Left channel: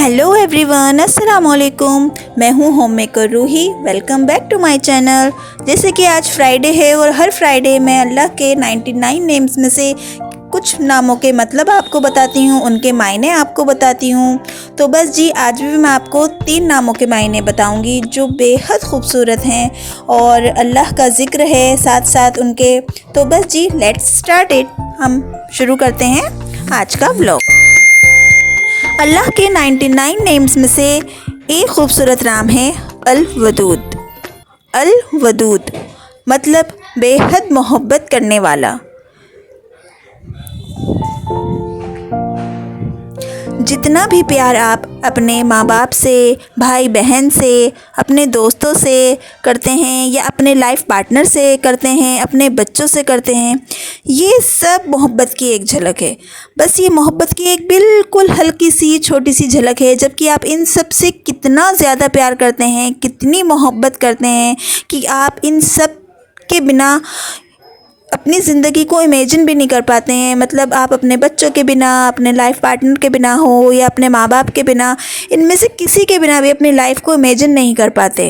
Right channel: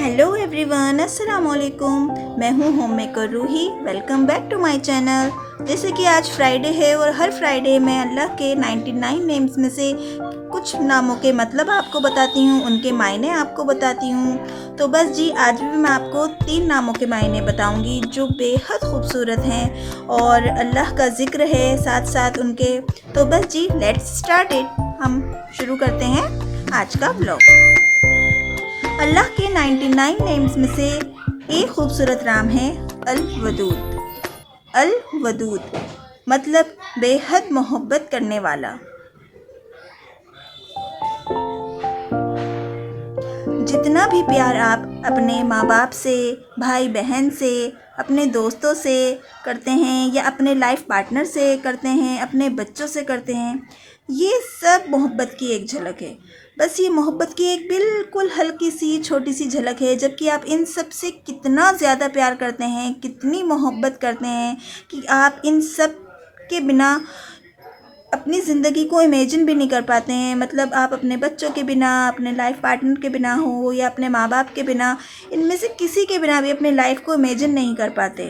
Hello everyone, अस्सलाम वालेकुम। मैं हूँ home maker Ruhi. Welcome back to my channel. जैसे कि आज फ्राइडे है और हर फ्राइडे मैं अल्लाह के 99 नेम्स में से कुछ नामों के मतलब आपको बताती हूँ, उनके मायने आपको बताती हूँ। तो बस जी, आज भी मैं आपको 3 नामों के मायने बताऊँगी जो बेहद खूबसूरत हैं और अल्लाह का ज़िक्र है साथ साथ उनके। तो बस जी, लेट्स स्टार्ट इट। हम शुरू करते हैं आज का व्लॉग। अल्लाह के 99 नेम्स में से एक खूबसूरत नाम है अल वदूद। अल वदूद मतलब बेहद मोहब्बत करने वाला। जितना भी प्यार आप अपने माँ बाप से, भाई बहन से, अपने दोस्तों से करते हैं या अपने लाइफ पार्टनर से करते हैं, अपने बच्चों से करते हैं, ये सब मोहब्बत की एक झलक है। बस ये मोहब्बत की एक बिल्कुल हल्की सी छोटी सी झलक है, जबकि आप इन सब से कितना ज़्यादा प्यार करते हैं, कितनी मोहब्बत करते हैं कि आप इन सब के बिना अपनी ज़िंदगी को इमेजिन भी नहीं कर पाते हैं। मतलब आप अपने बच्चों के बिना, अपने लाइफ पार्टनर के बिना हो या अपने माँ बाप के बिना, इनमें से किसी के बिना भी अपनी लाइफ को इमेजिन नहीं कर पाते।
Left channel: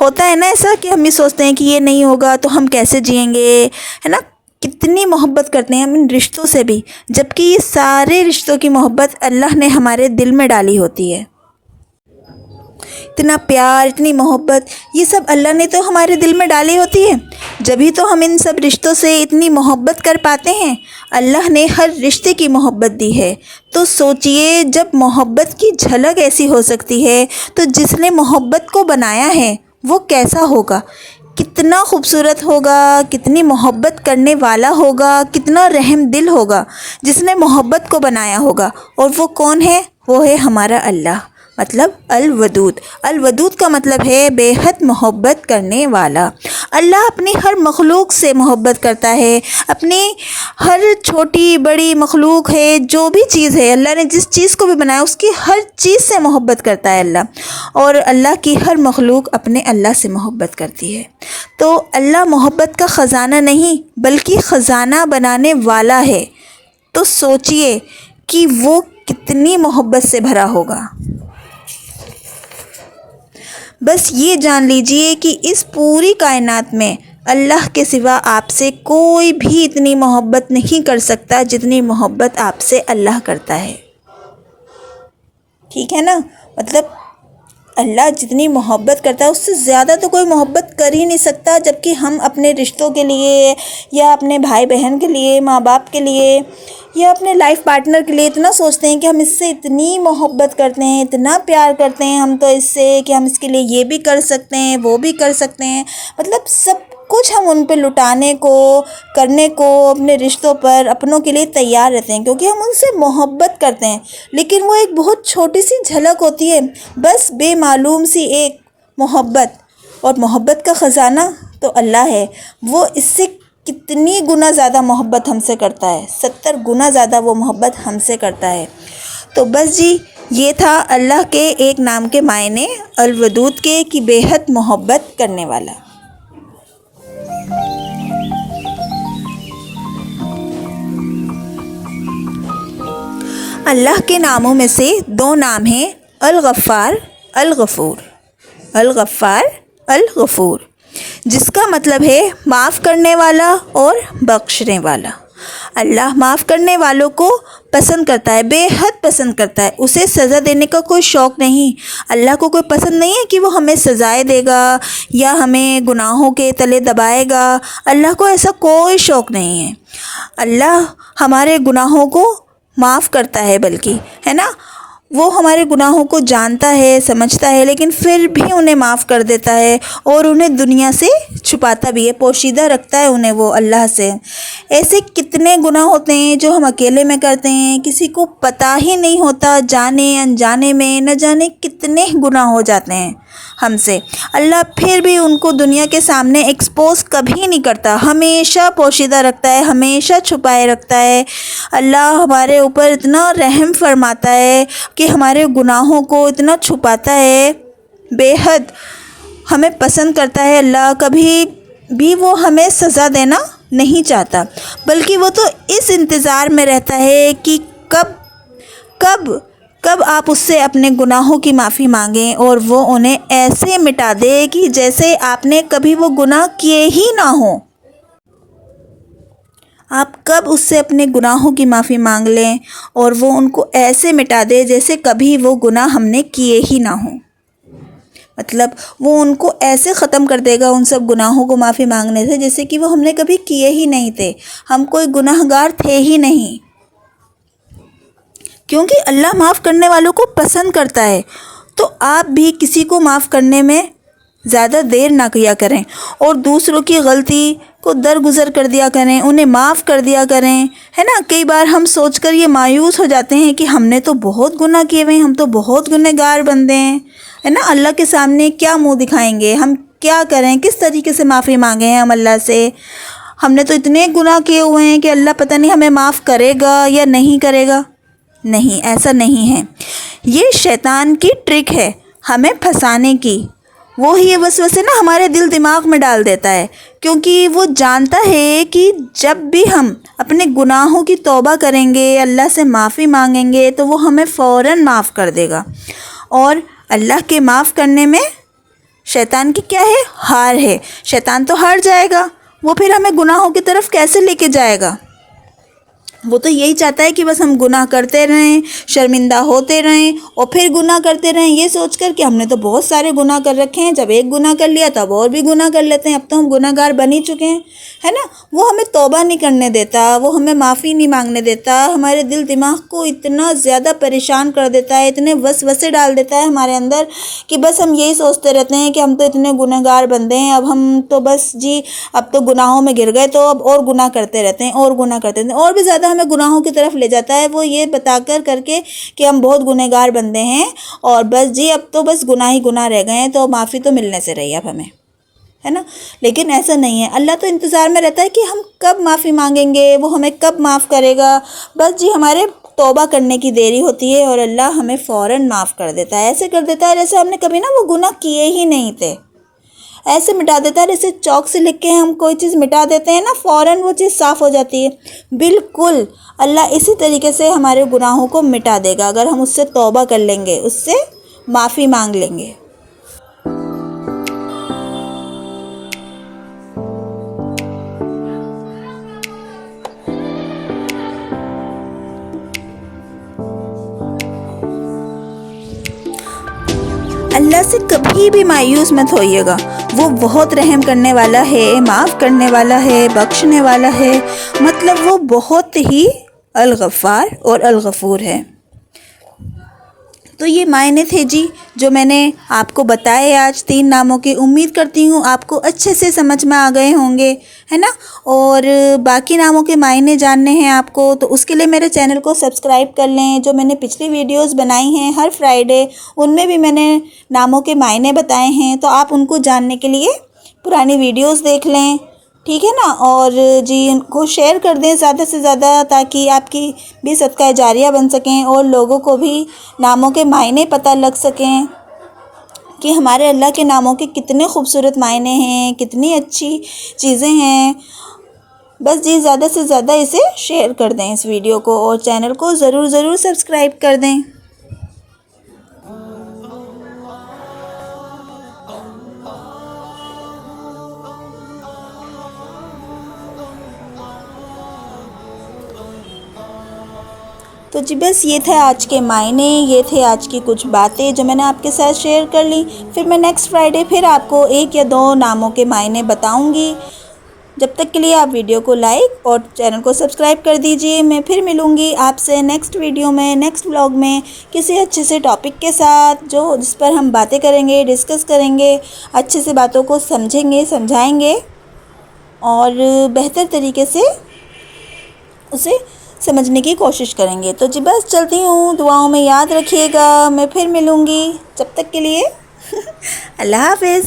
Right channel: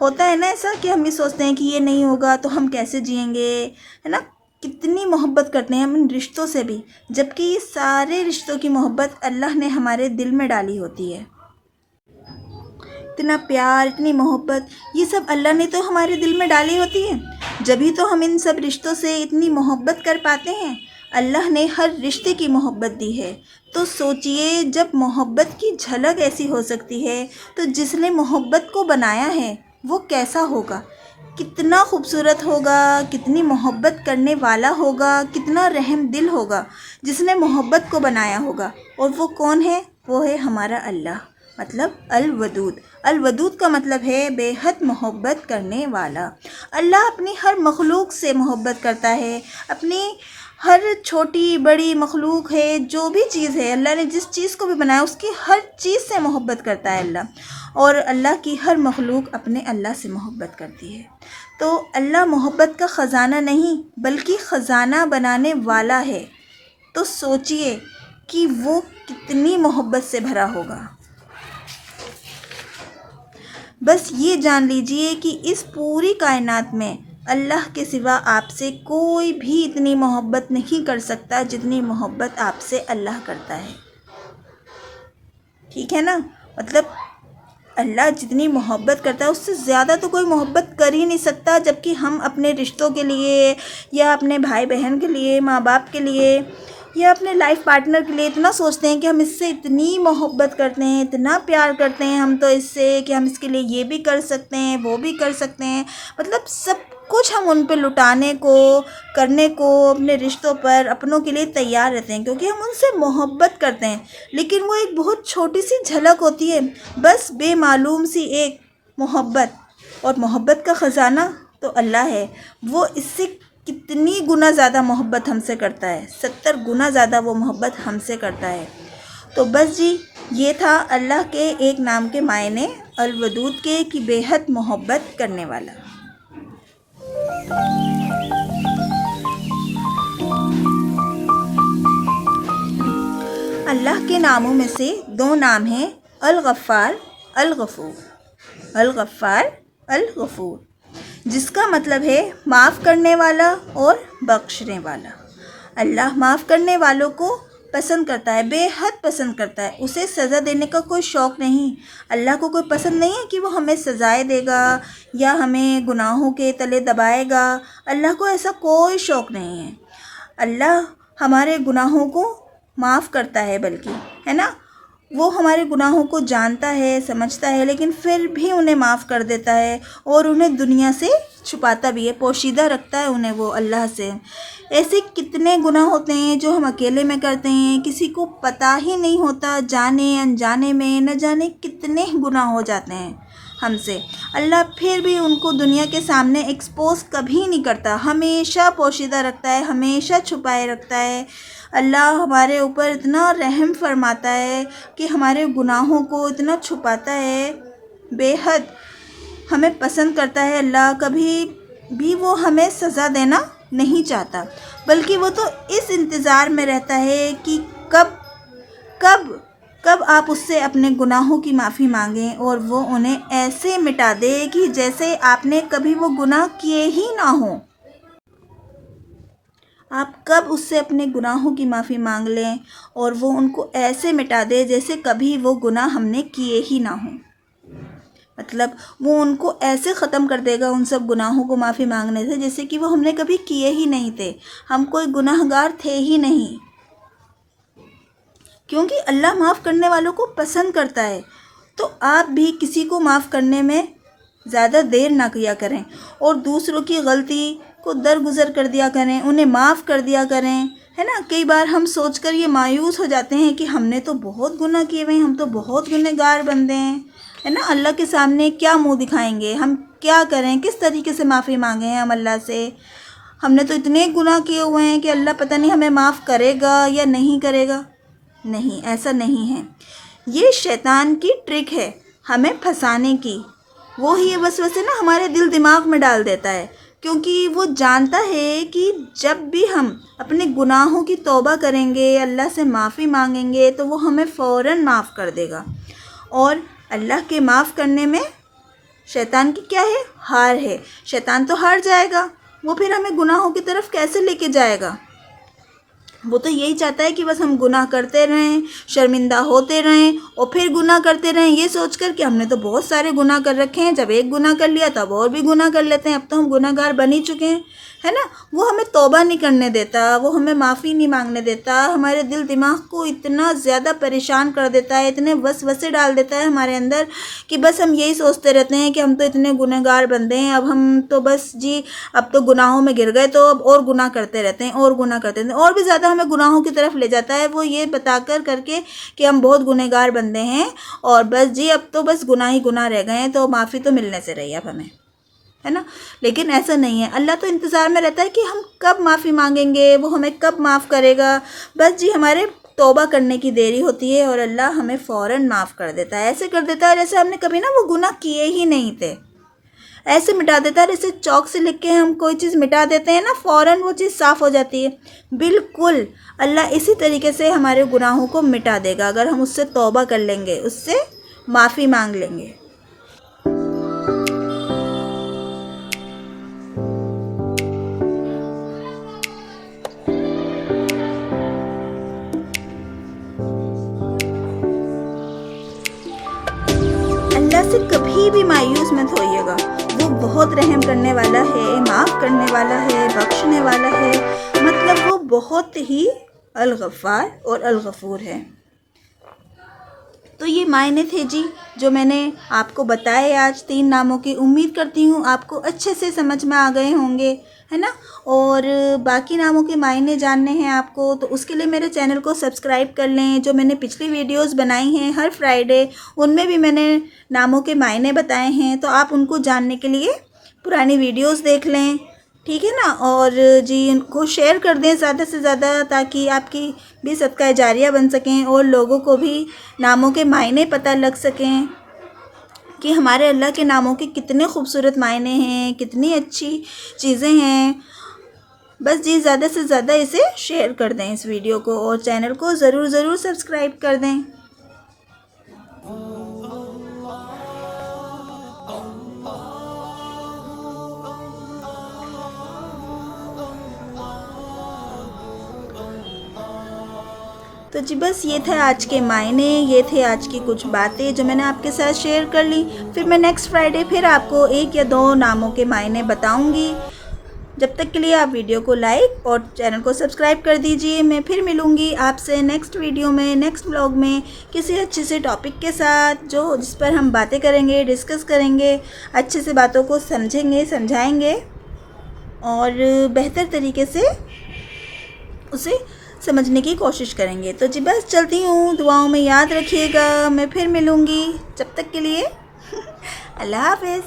होता है ना ऐसा कि हम भी सोचते हैं कि ये नहीं होगा तो हम कैसे जिएंगे, है ना। कितनी मोहब्बत करते हैं हम इन रिश्तों से भी, जबकि ये सारे रिश्तों की मोहब्बत अल्लाह ने हमारे दिल में डाली होती है। इतना प्यार, इतनी मोहब्बत, ये सब अल्लाह ने तो हमारे दिल में डाली होती है, जभी तो हम इन सब रिश्तों से इतनी मोहब्बत कर पाते हैं। अल्लाह ने हर रिश्ते की मोहब्बत दी है। तो सोचिए, जब मोहब्बत की झलक ऐसी हो सकती है तो जिसने मोहब्बत को बनाया है वो कैसा होगा, कितना खूबसूरत होगा, कितनी मोहब्बत करने वाला होगा, कितना रहम दिल होगा जिसने मोहब्बत को बनाया होगा। और वो कौन है? वो है हमारा अल्लाह, मतलब अल वदूद। अल वदूद का मतलब है बेहद मोहब्बत करने वाला। अल्लाह अपनी हर मखलूक से मोहब्बत करता है। अपनी हर छोटी बड़ी मखलूक है, जो भी चीज़ है, अल्लाह ने जिस चीज़ को भी बनाया उसकी हर चीज़ से मोहब्बत करता है अल्लाह। और अल्लाह की हर मखलूक अपने अल्लाह से मोहब्बत करती है। तो अल्लाह मोहब्बत का ख़जाना नहीं बल्कि ख़जाना बनाने वाला है। तो सोचिए कि वो कितनी मोहब्बत से भरा होगा। बस ये जान लीजिए कि इस पूरी कायनात में अल्लाह के सिवा आपसे कोई भी इतनी मोहब्बत नहीं कर सकता जितनी मोहब्बत आपसे अल्लाह करता है। ठीक है ना। मतलब अल्लाह जितनी मोहब्बत करता है उससे ज़्यादा तो कोई मोहब्बत कर ही नहीं सकता। जबकि हम अपने रिश्तों के लिए या अपने भाई बहन के लिए, माँ बाप के लिए या अपने लाइफ पार्टनर के लिए इतना सोचते हैं कि हम इससे इतनी मोहब्बत करते हैं, इतना प्यार करते हैं हम तो इससे, कि हम इसके लिए ये भी कर सकते हैं, वो भी कर सकते हैं। मतलब सब कुछ हम उन पे लुटाने को, करने को, अपने रिश्तों पर, अपनों के लिए तैयार रहते हैं, क्योंकि हम उनसे मोहब्बत करते हैं। लेकिन वो एक बहुत छोटी सी झलक होती है, बस बेमालूम सी एक मोहब्बत। और मोहब्बत का ख़जाना तो अल्लाह है। वो इससे कितनी गुना ज़्यादा मोहब्बत हमसे करता है, 70 गुना ज़्यादा वो मोहब्बत हमसे करता है। तो बस जी, ये था अल्लाह के एक नाम के मायने अल वदूद के, कि बेहद मोहब्बत करने वाला। अल्लाह के नामों में से 2 नाम हैं अल गफ़्फ़ार, अल गफ़ूर। अल गफ़्फ़ार, अल गफ़ूर, जिसका मतलब है माफ़ करने वाला और बख्शने वाला। अल्लाह माफ़ करने वालों को पसंद करता है, बेहद पसंद करता है। उसे सज़ा देने का कोई शौक़ नहीं। अल्लाह को कोई पसंद नहीं है कि वो हमें सज़ाएं देगा या हमें गुनाहों के तले दबाएगा। अल्लाह को ऐसा कोई शौक़ नहीं है। अल्लाह हमारे गुनाहों को माफ़ करता है, बल्कि, है ना, वो हमारे गुनाहों को जानता है, समझता है, लेकिन फिर भी उन्हें माफ़ कर देता है और उन्हें दुनिया से छुपाता भी है, पोशीदा रखता है उन्हें वो अल्लाह से। ऐसे कितने गुनाह होते हैं जो हम अकेले में करते हैं, किसी को पता ही नहीं होता, जाने अनजाने में न जाने कितने गुनाह हो जाते हैं हमसे। अल्लाह फिर भी उनको दुनिया के सामने एक्सपोज कभी नहीं करता, हमेशा पोशीदा रखता है, हमेशा छुपाए रखता है। अल्लाह हमारे ऊपर इतना रहम फरमाता है कि हमारे गुनाहों को इतना छुपाता है, बेहद हमें पसंद करता है। अल्लाह कभी भी वो हमें सज़ा देना नहीं चाहता, बल्कि वो तो इस इंतज़ार में रहता है कि कब कब आप उससे अपने गुनाहों की माफ़ी मांगें और वो उन्हें ऐसे मिटा दे कि जैसे आपने कभी वो गुनाह किए ही ना हो। आप कब उससे अपने गुनाहों की माफ़ी मांग लें और वो उनको ऐसे मिटा दे जैसे कभी वो गुनाह हमने किए ही ना हो। मतलब वो उनको ऐसे ख़त्म कर देगा उन सब गुनाहों को माफ़ी मांगने से जैसे कि वो हमने कभी किए ही नहीं थे, हम कोई गुनाहगार थे ही नहीं। क्योंकि अल्लाह माफ़ करने वालों को पसंद करता है। तो आप भी किसी को माफ़ करने में ज़्यादा देर ना किया करें और दूसरों की गलती को दरगुजर कर दिया करें, उन्हें माफ़ कर दिया करें, है ना। कई बार हम सोचकर ये मायूस हो जाते हैं कि हमने तो बहुत गुनाह किए हुए हैं, हम तो बहुत गुनहगार बंदे हैं, है ना। अल्लाह के सामने क्या मुंह दिखाएंगे, हम क्या करें, किस तरीके से माफ़ी मांगें हैं हम अल्लाह से। हमने तो इतने गुनाह किए हुए हैं कि अल्लाह पता नहीं हमें माफ़ करेगा या नहीं करेगा। नहीं, ऐसा नहीं है। ये शैतान की ट्रिक है हमें फंसाने की। वो ही ये वसवसे ना हमारे दिल दिमाग में डाल देता है, क्योंकि वो जानता है कि जब भी हम अपने गुनाहों की तौबा करेंगे, अल्लाह से माफ़ी मांगेंगे, तो वो हमें फ़ौरन माफ़ कर देगा। और अल्लाह के माफ़ करने में शैतान की क्या है, हार है। शैतान तो हार जाएगा, वो फिर हमें गुनाहों की तरफ कैसे लेके जाएगा। वो तो यही चाहता है कि बस हम गुनाह करते रहें, शर्मिंदा होते रहें और फिर गुनाह करते रहें, ये सोचकर कि हमने तो बहुत सारे गुनाह कर रखे हैं, जब एक गुनाह कर लिया तो अब और भी गुनाह कर लेते हैं, अब तो हम गुनहगार बन ही चुके हैं, है ना। वो हमें तौबा नहीं करने देता, वो हमें माफ़ी नहीं मांगने देता, हमारे दिल दिमाग को इतना ज़्यादा परेशान कर देता है, इतने वसवसे डाल देता है हमारे अंदर कि बस हम यही सोचते रहते हैं कि हम तो इतने गुनहगार बंदे हैं, अब हम तो बस जी अब तो गुनाहों में गिर गए, तो अब और गुनाह करते रहते हैं और गुनाह करते रहते हैं, और भी ज़्यादा हमें गुनाहों की तरफ ले जाता है वो ये बताकर करके कि हम बहुत गुनहगार बंदे हैं और बस जी अब तो बस गुनाह ही गुनाह रह गए हैं, तो माफ़ी तो मिलने से रही अब हमें, है ना। लेकिन ऐसा नहीं है। अल्लाह तो इंतज़ार में रहता है कि हम कब माफ़ी मांगेंगे, वो हमें कब माफ़ करेगा। बस जी हमारे तौबा करने की देरी होती है और अल्लाह हमें फ़ौरन माफ़ कर देता है। ऐसे कर देता है जैसे हमने कभी ना वो गुनाह किए ही नहीं थे, ऐसे मिटा देता है जैसे चौक से लिख के हम कोई चीज़ मिटा देते हैं ना, फ़ौरन वो चीज़ साफ़ हो जाती है। बिल्कुल अल्लाह इसी तरीके से हमारे गुनाहों को मिटा देगा अगर हम उससे तौबा कर लेंगे, उससे माफ़ी मांग लेंगे। अल्लाह से कभी भी मायूस मत होइएगा, वो बहुत रहम करने वाला है, माफ़ करने वाला है, बख्शने वाला है। मतलब वो बहुत ही अल-गफ़्फ़ार और अल-गफ़ूर है। तो ये मायने थे जी जो मैंने आपको बताए आज 3 नामों के। उम्मीद करती हूँ आपको अच्छे से समझ में आ गए होंगे, है ना। और बाकी नामों के मायने जानने हैं आपको तो उसके लिए मेरे चैनल को सब्सक्राइब कर लें। जो मैंने पिछली वीडियोस बनाई हैं हर फ्राइडे, उनमें भी मैंने नामों के मायने बताए हैं, तो आप उनको जानने के लिए पुरानी वीडियोस देख लें, ठीक है ना। और जी उनको शेयर कर दें ज़्यादा से ज़्यादा, ताकि आपकी भी सदका जारिया बन सकें और लोगों को भी नामों के मायने पता लग सकें कि हमारे अल्लाह के नामों के कितने खूबसूरत मायने हैं, कितनी अच्छी चीज़ें हैं। बस जी ज़्यादा से ज़्यादा इसे शेयर कर दें इस वीडियो को, और चैनल को ज़रूर सब्सक्राइब कर दें। तो जी बस ये थे आज के मायने, ये थे आज की कुछ बातें जो मैंने आपके साथ शेयर कर ली। फिर मैं नेक्स्ट फ्राइडे फिर आपको 1 या 2 नामों के मायने बताऊंगी। जब तक के लिए आप वीडियो को लाइक और चैनल को सब्सक्राइब कर दीजिए। मैं फिर मिलूँगी आपसे नेक्स्ट वीडियो में, नेक्स्ट व्लॉग में किसी अच्छे से टॉपिक के साथ जिस पर हम बातें करेंगे, डिस्कस करेंगे, अच्छे से बातों को समझेंगे, समझाएंगे और बेहतर तरीके से उसे समझने की कोशिश करेंगे। तो जी बस चलती हूँ, दुआओं में याद रखिएगा। मैं फिर मिलूँगी, जब तक के लिए अल्लाह हाफ़िज़।